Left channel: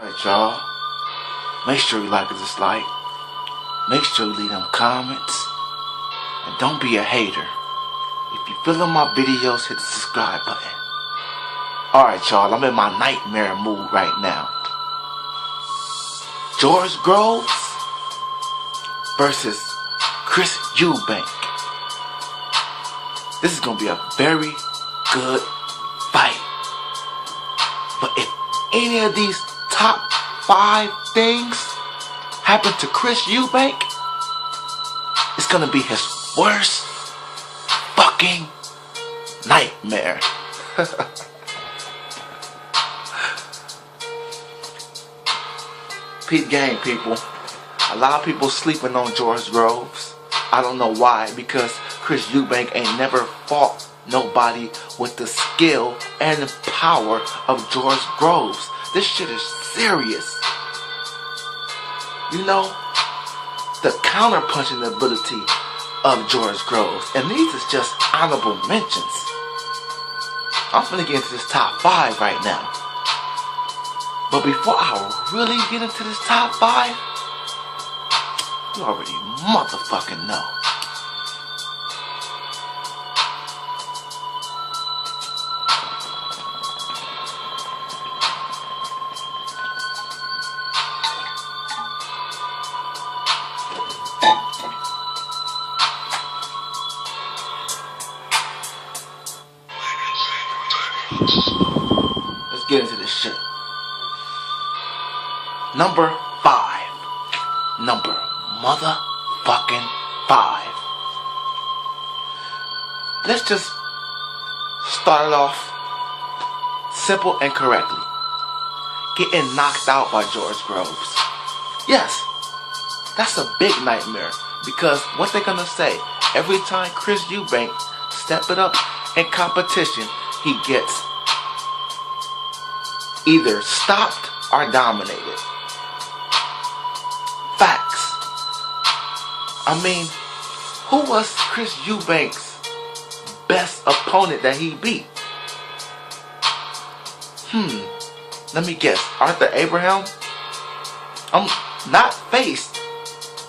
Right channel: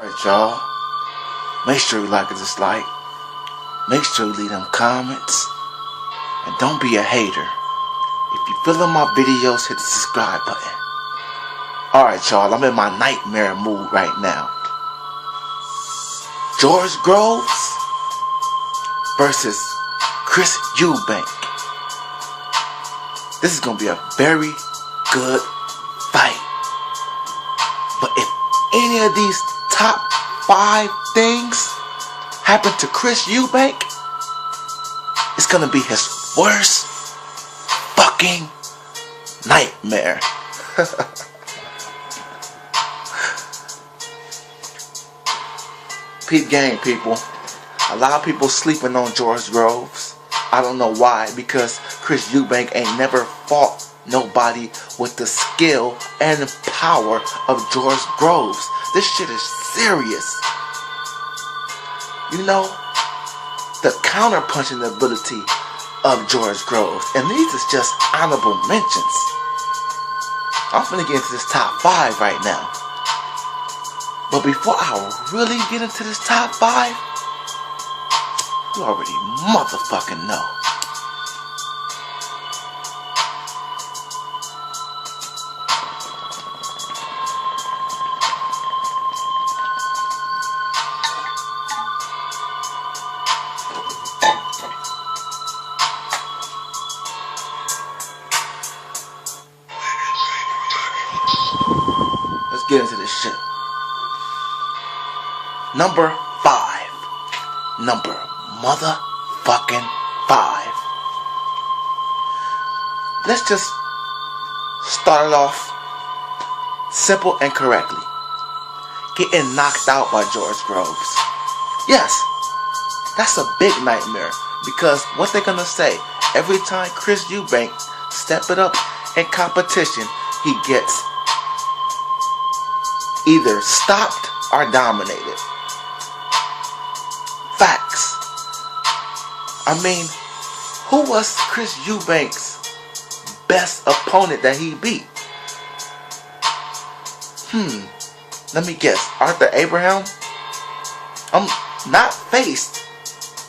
Alright, y'all. Make sure you like and dislike. Make sure you leave them comments. And don't be a hater. If you feeling my videos, hit the subscribe button. Alright, y'all. I'm in my nightmare mood right now. George Groves versus Chris Eubank. This is going to be a very good fight. But if any of these top 5 things happen to Chris Eubank, it's going to be his worst fucking nightmare. Peep game, people. A lot of people sleeping on George Groves. I don't know why, because Chris Eubank ain't never fought nobody with the skill and the power of George Groves. This shit is serious. You know, the counter-punching ability of George Groves. And these is just honorable mentions. I'm finna get into this top 5 right now. But before I really get into this top 5, you already motherfucking know. Let's get into this shit. Number 5. Number motherfucking 5. Let's just start it off simple and correctly. Getting knocked out by George Groves. Yes, that's a big nightmare. Because what they're gonna say, every time Chris Eubank step it up in competition, he gets either stopped or dominated. Facts. I mean, who was Chris Eubank's best opponent that he beat? Let me guess. Arthur Abraham? I'm not faced,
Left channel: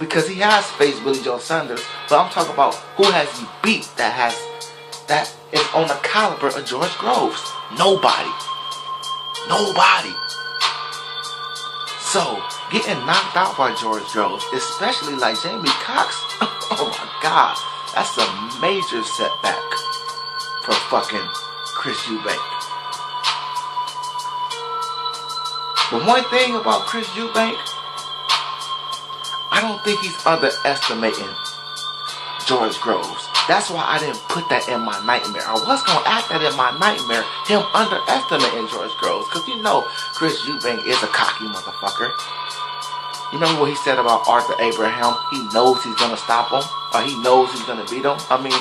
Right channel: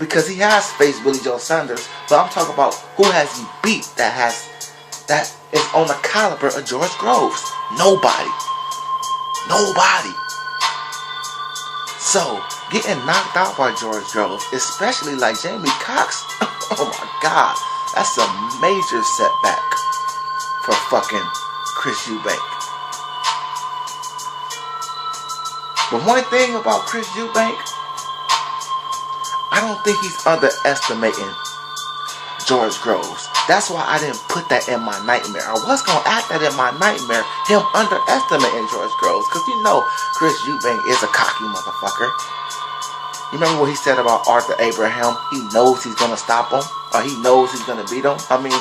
because he has faced Billy Joe Saunders, but I'm talking about who has he beat that is on the caliber of George Groves. Nobody. So, getting knocked out by George Groves, especially like Jamie Cox, oh my God, that's a major setback for fucking Chris Eubank. But one thing about Chris Eubank, I don't think he's underestimating George Groves. That's why I didn't put that in my nightmare. I was going to add that in my nightmare, him underestimating George Groves. Because you know Chris Eubank is a cocky motherfucker. You remember what he said about Arthur Abraham? He knows he's going to stop him. Or he knows he's going to beat him. I mean,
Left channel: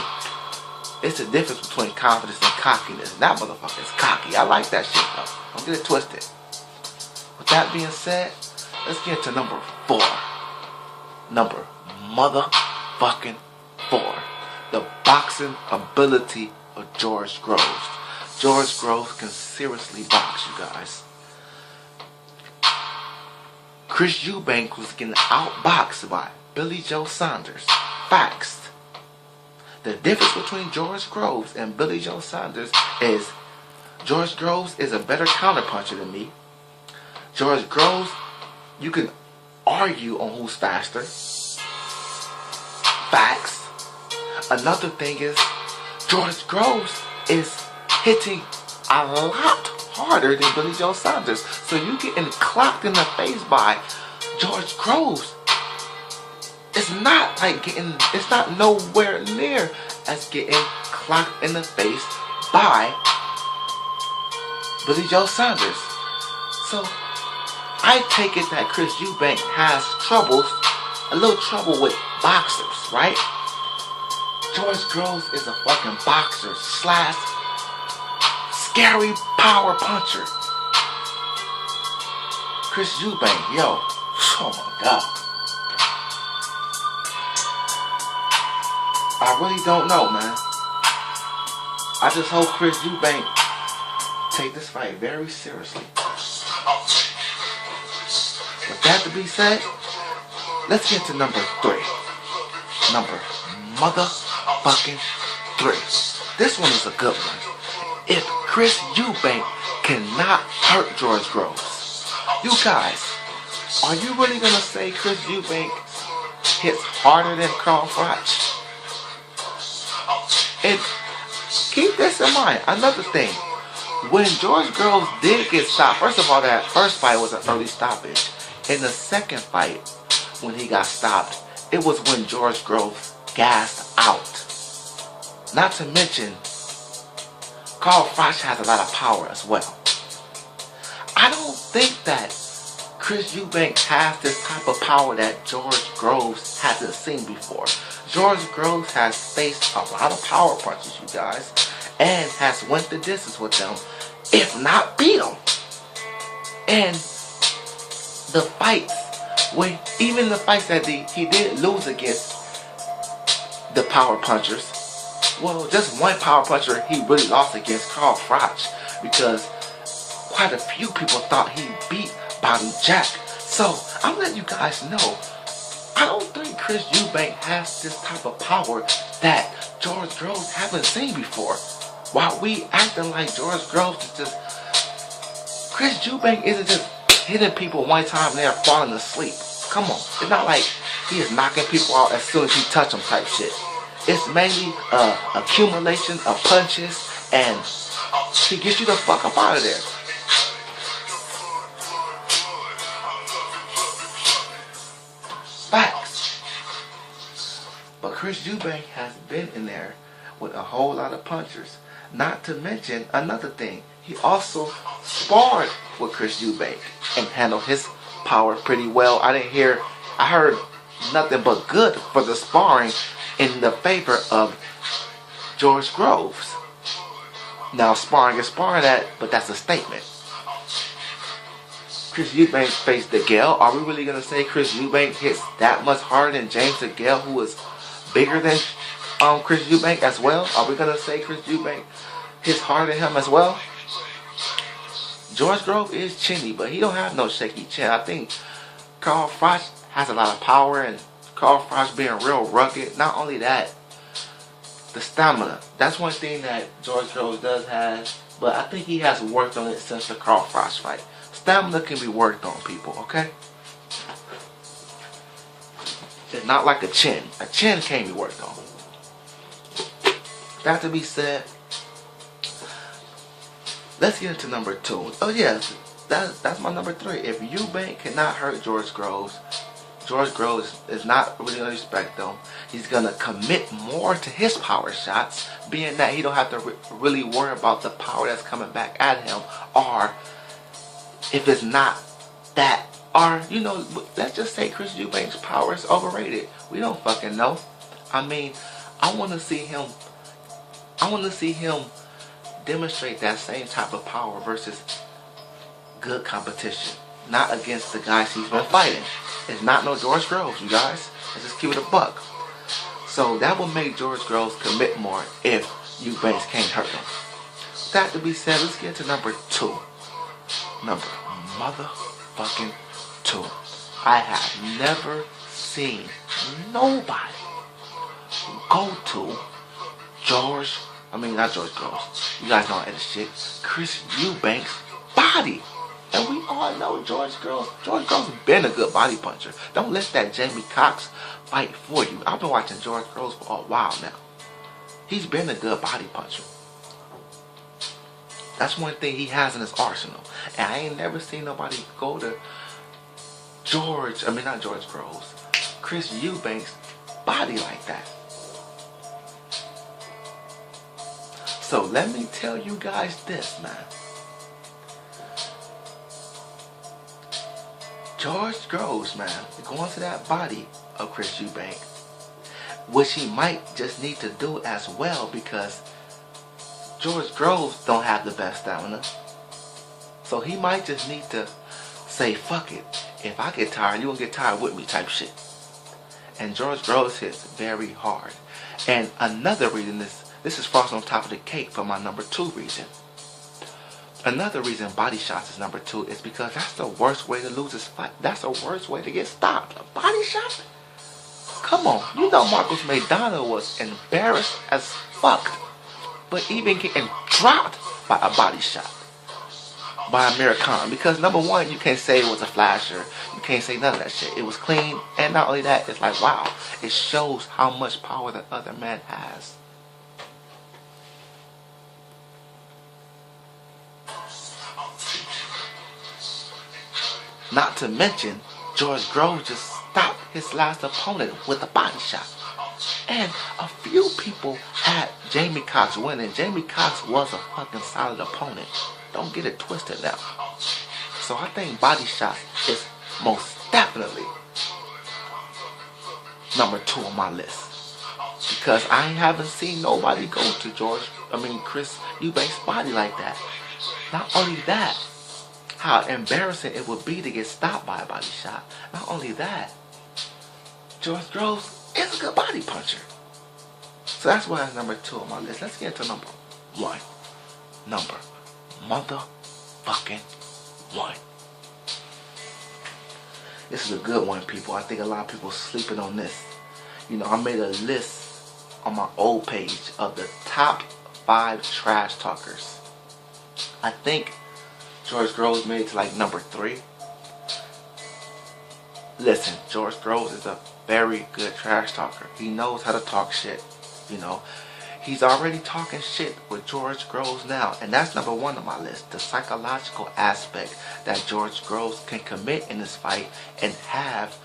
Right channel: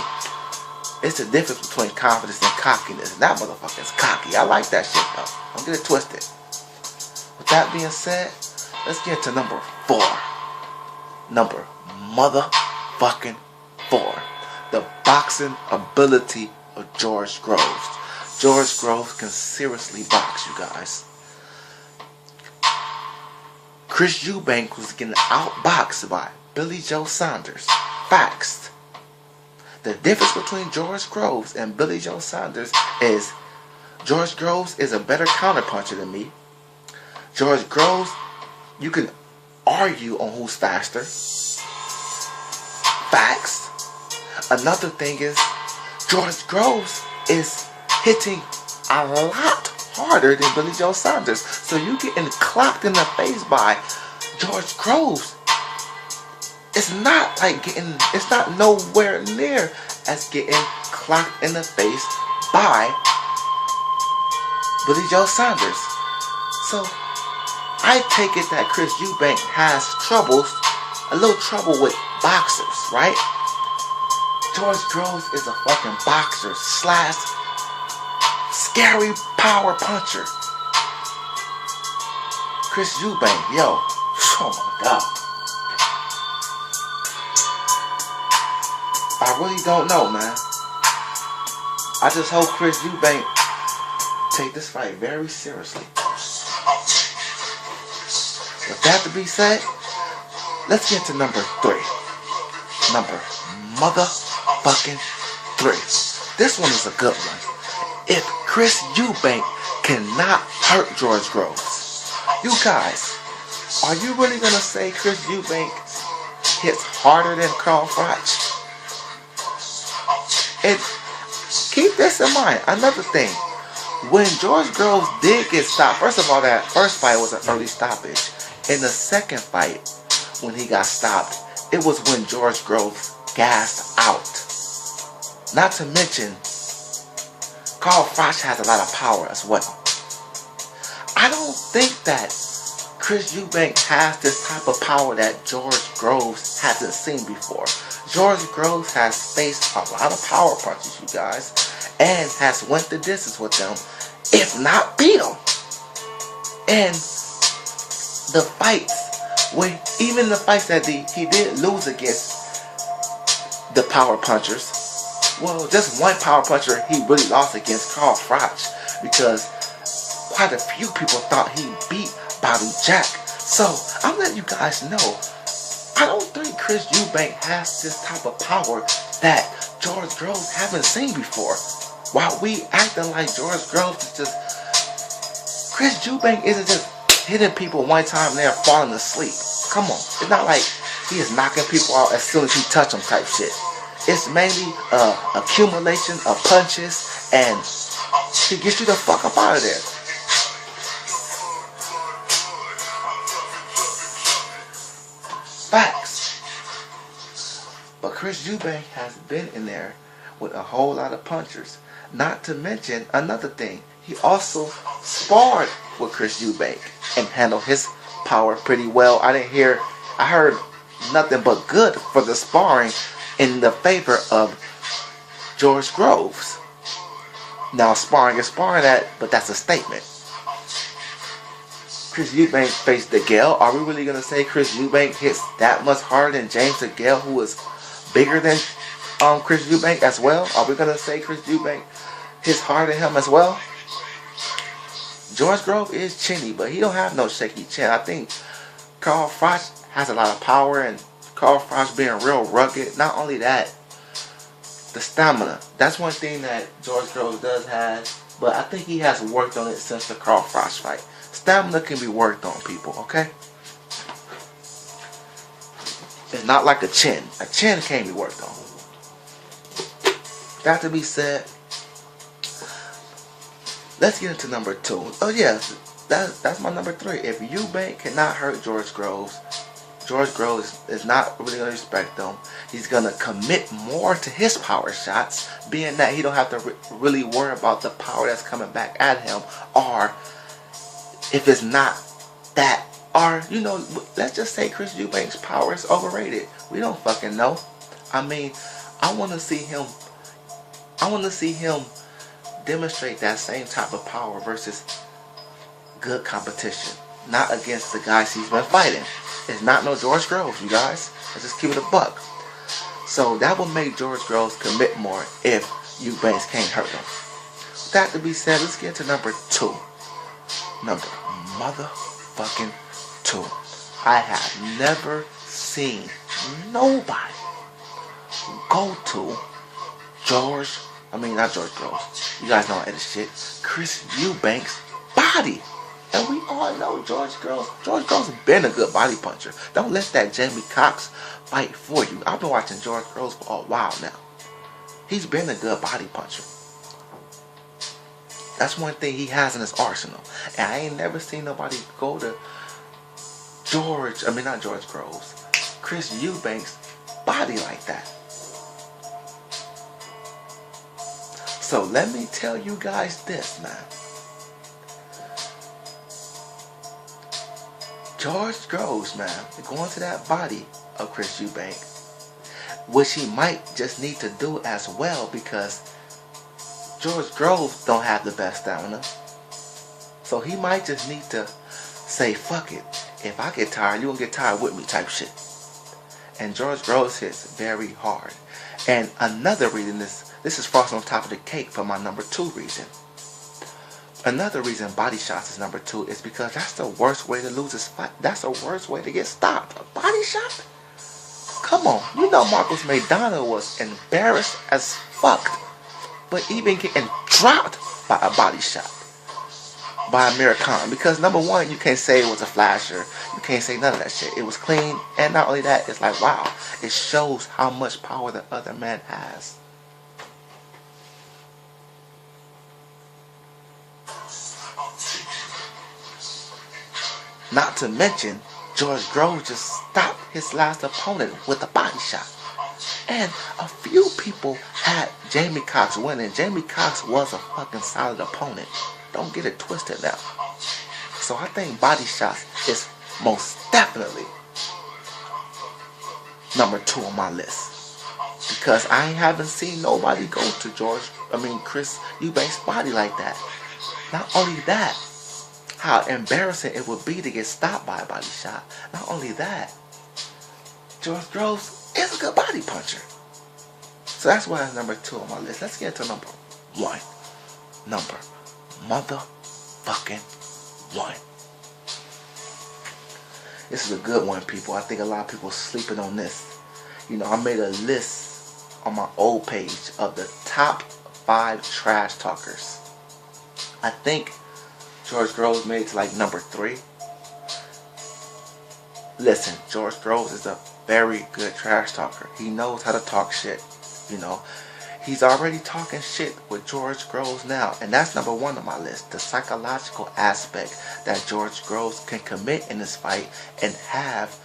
it's the difference between confidence and cockiness. And that motherfucker is cocky. I like that shit though. Don't get it twisted. With that being said, let's get to number 4. Number motherfucking 4. The boxing ability of George Groves. George Groves can seriously box, you guys. Chris Eubank was getting outboxed by Billy Joe Saunders. Facts. The difference between George Groves and Billy Joe Saunders is George Groves is a better counterpuncher than me. George Groves, you can argue on who's faster. Facts. Another thing is, George Groves is hitting a lot harder than Billy Joe Saunders. So you getting clocked in the face by George Groves. It's not nowhere near as getting clocked in the face by Billy Joe Saunders. So I take it that Chris Eubank has a little trouble with boxers, right? George Groves is a fucking boxer / scary power puncher. Chris Eubank, yo, oh my God. I really don't know, man. I just hope Chris Eubank take this fight very seriously. That to be said, let's get to number 3. Number motherfucking 3. This one is a good one. If Chris Eubank cannot hurt George Groves, you guys, are you really gonna say Chris Eubank hits harder than Carl Froch? And keep this in mind. Another thing, when George Groves did get stopped, first of all, that first fight was an early stoppage. In the second fight, when he got stopped, it was when George Groves gassed out. Not to mention, Carl Froch has a lot of power as well. I don't think that Chris Eubank has this type of power that George Groves hasn't seen before. George Groves has faced a lot of power punches, you guys, and has went the distance with them, if not beat them. And the fights, even the fights that he did lose against the power punchers, well, just one power puncher he really lost against, Carl Froch, because quite a few people thought he beat Bobby Jack. So I'm letting you guys know, I don't think Chris Eubank has this type of power that George Groves haven't seen before. While we acting like George Groves is just, Chris Eubank isn't just hitting people one time and they're falling asleep. Come on, it's not like he is knocking people out as soon as he touch them type shit. It's mainly accumulation of punches, and he gets you the fuck up out of there. Facts. But Chris Eubank has been in there with a whole lot of punchers. Not to mention another thing, he also sparred with Chris Eubank and handled his power pretty well. I heard nothing but good for the sparring in the favor of George Groves. Now sparring is sparring but that's a statement. Chris Eubank faced DeGale. Are we really going to say Chris Eubank hits that much harder than James DeGale, who is bigger than Chris Eubank as well? Are we going to say Chris Eubank hits harder than him as well? George Groves is chinny, but he don't have no shaky chin. I think Carl Froch has a lot of power, and Carl Froch being real rugged. Not only that, the stamina. That's one thing that George Groves does have, but I think he has worked on it since the Carl Froch fight. Stamina can be worked on, people, okay? It's not like a chin. A chin can be worked on. That to be said, let's get into number 2. Oh yes, that's my number 3. If Eubank cannot hurt George Groves is not really going to respect them. He's going to commit more to his power shots, being that he don't have to really worry about the power that's coming back at him, or if it's not that, or, let's just say Chris Eubank's power is overrated. We don't fucking know. I mean, I want to see him demonstrate that same type of power versus good competition. Not against the guys he's been fighting. It's not no George Groves, you guys. Let's just keep it a buck. So that will make George Groves commit more if Eubanks can't hurt him. That to be said, let's get to number 2. Number motherfucking 2. I have never seen nobody go to not George Groves. You guys know I edit shit. Chris Eubanks' body. And we all know George Groves. George Groves has been a good body puncher. Don't let that Jamie Cox fight for you. I've been watching George Groves for a while now. He's been a good body puncher. That's one thing he has in his arsenal. And I ain't never seen nobody go to not George Groves, Chris Eubanks' body like that. So let me tell you guys this, man. George Groves, man, going to that body of Chris Eubank, which he might just need to do as well, because George Groves don't have the best stamina. So he might just need to say, fuck it. If I get tired, you won't get tired with me type shit. And George Groves hits very hard. And another reason, this is frosting on top of the cake for my number 2 reason. Another reason body shots is number 2 is because that's the worst way to lose this fight. That's the worst way to get stopped. A body shot? Come on. You know Marcos Maidana was embarrassed as fuck. But even getting dropped by a body shot. By Amir Khan. Because number 1, you can't say it was a flasher. You can't say none of that shit. It was clean. And not only that, it's like, wow. It shows how much power the other man has. Not to mention, George Groves just stopped his last opponent with a body shot. And a few people had Jamie Cox winning. Jamie Cox was a fucking solid opponent. Don't get it twisted now. So I think body shots is most definitely number 2 on my list. Because I haven't seen nobody go to Chris Eubank's body like that. Not only that, how embarrassing it would be to get stopped by a body shot. Not only that, George Groves is a good body puncher. So that's why it's number 2 on my list. Let's get to number 1. Number motherfucking 1. This is a good one, people. I think a lot of people sleeping on this. You know, I made a list on my old page of the top 5 trash talkers. I think George Groves made it to like number 3. Listen, George Groves is a very good trash talker. He knows how to talk shit. You know, he's already talking shit with George Groves now. And that's number 1 on my list. The psychological aspect that George Groves can commit in this fight and have,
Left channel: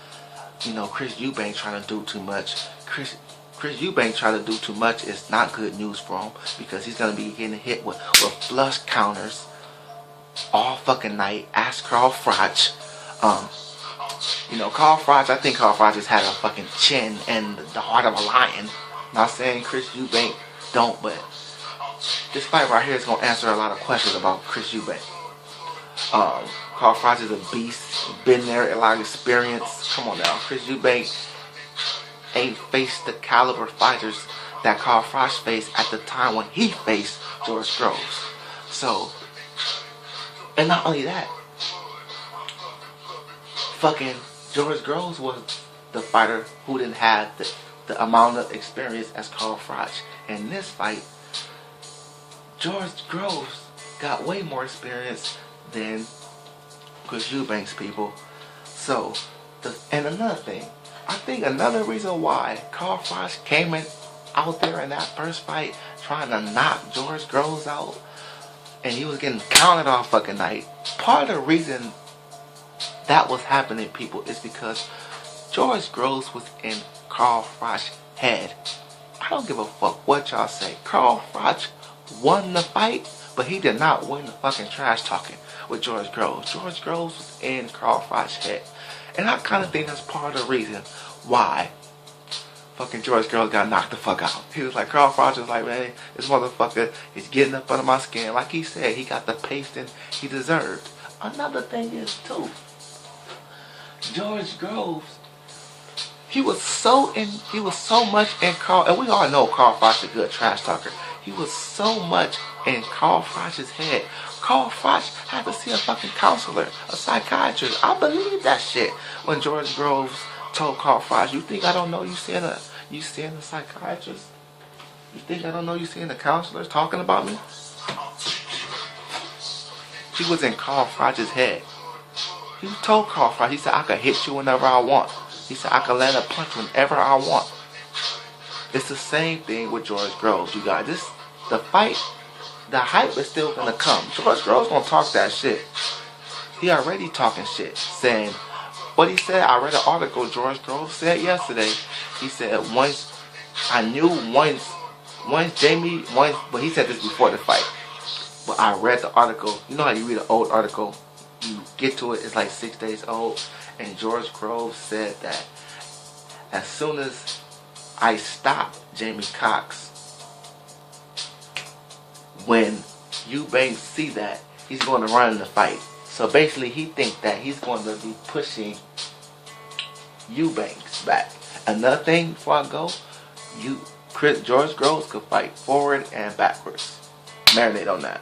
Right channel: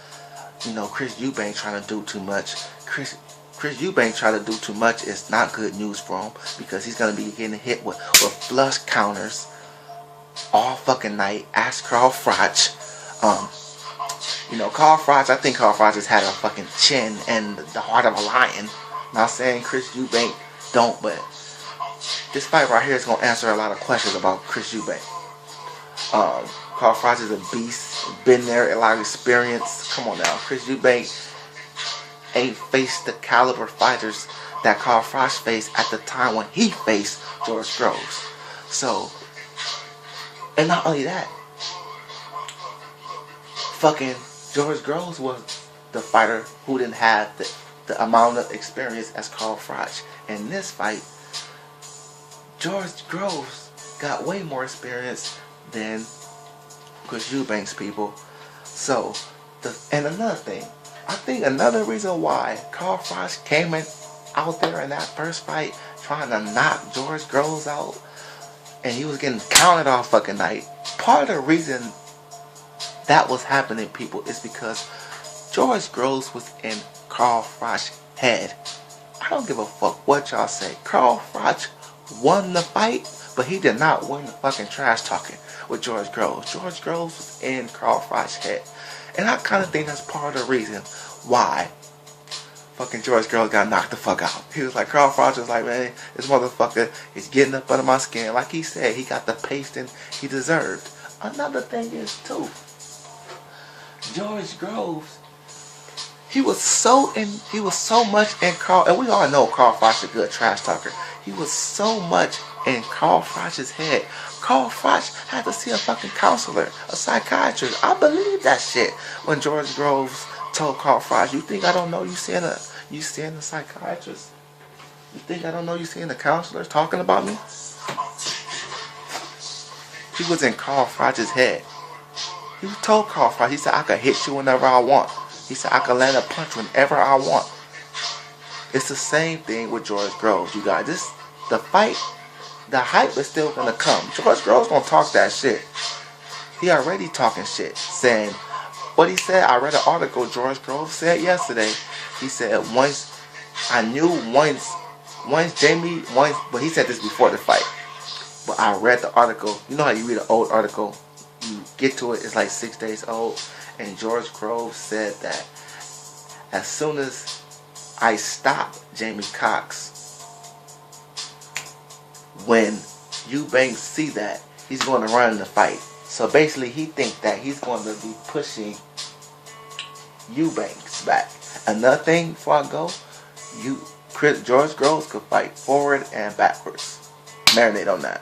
Chris Eubank trying to do too much. Chris Eubank trying to do too much is not good news for him because he's going to be getting hit with flush counters all fucking night. Ask Carl Froch. Carl Froch, I think Carl Froch has had a fucking chin and the heart of a lion. Not saying Chris Eubank don't, but this fight right here is going to answer a lot of questions about Chris Eubank. Carl Froch is a beast. Been there, a lot of experience. Come on now. Chris Eubank ain't faced the caliber fighters that Carl Froch faced at the time when he faced George Groves. So, and not only that, fucking George Groves was the fighter who didn't have the amount of experience as Carl Froch. In this fight, George Groves got way more experience than Chris Eubank's people. So, and another thing, I think another reason why Carl Froch came out there in that first fight trying to knock George Groves out, and he was getting counted all fucking night. Part of the reason that was happening, people, is because George Groves was in Carl Froch's head. I don't give a fuck what y'all say. Carl Froch won the fight, but he did not win the fucking trash talking with George Groves. George Groves was in Carl Froch's head. And I kind of think that's part of the reason why fucking George Groves got knocked the fuck out. He was like, Carl Froch was like, man, this motherfucker is getting up under my skin. Like he said, he got the pasting he deserved. Another thing is, too, George Groves, he was so much in Carl, and we all know Carl Froch is a good trash talker. He was so much in Carl Froch's head. Carl Froch had to see a fucking counselor, a psychiatrist. I believe that shit when George Groves told Carl Froch, you think I don't know you seeing a psychiatrist? You think I don't know you seeing a counselor talking about me? He was in Carl Froch's head. He told Carl Froch, he said, I could hit you whenever I want. He said, I could land a punch whenever I want. It's the same thing with George Groves, you guys. The fight, the hype is still going to come. George Groves going to talk that shit. He already talking shit, saying, what he said, I read an article George Groves said yesterday. He said, but he said this before the fight. But I read the article. You know how you read an old article? You get to it, it's like 6 days old. And George Groves said that as soon as I stop Jamie Cox, when Eubank see that, he's going to run in the fight. So basically, he think that he's going to be pushing Eubank's back. Another thing before I go, George Groves could fight forward and backwards. Marinate on that.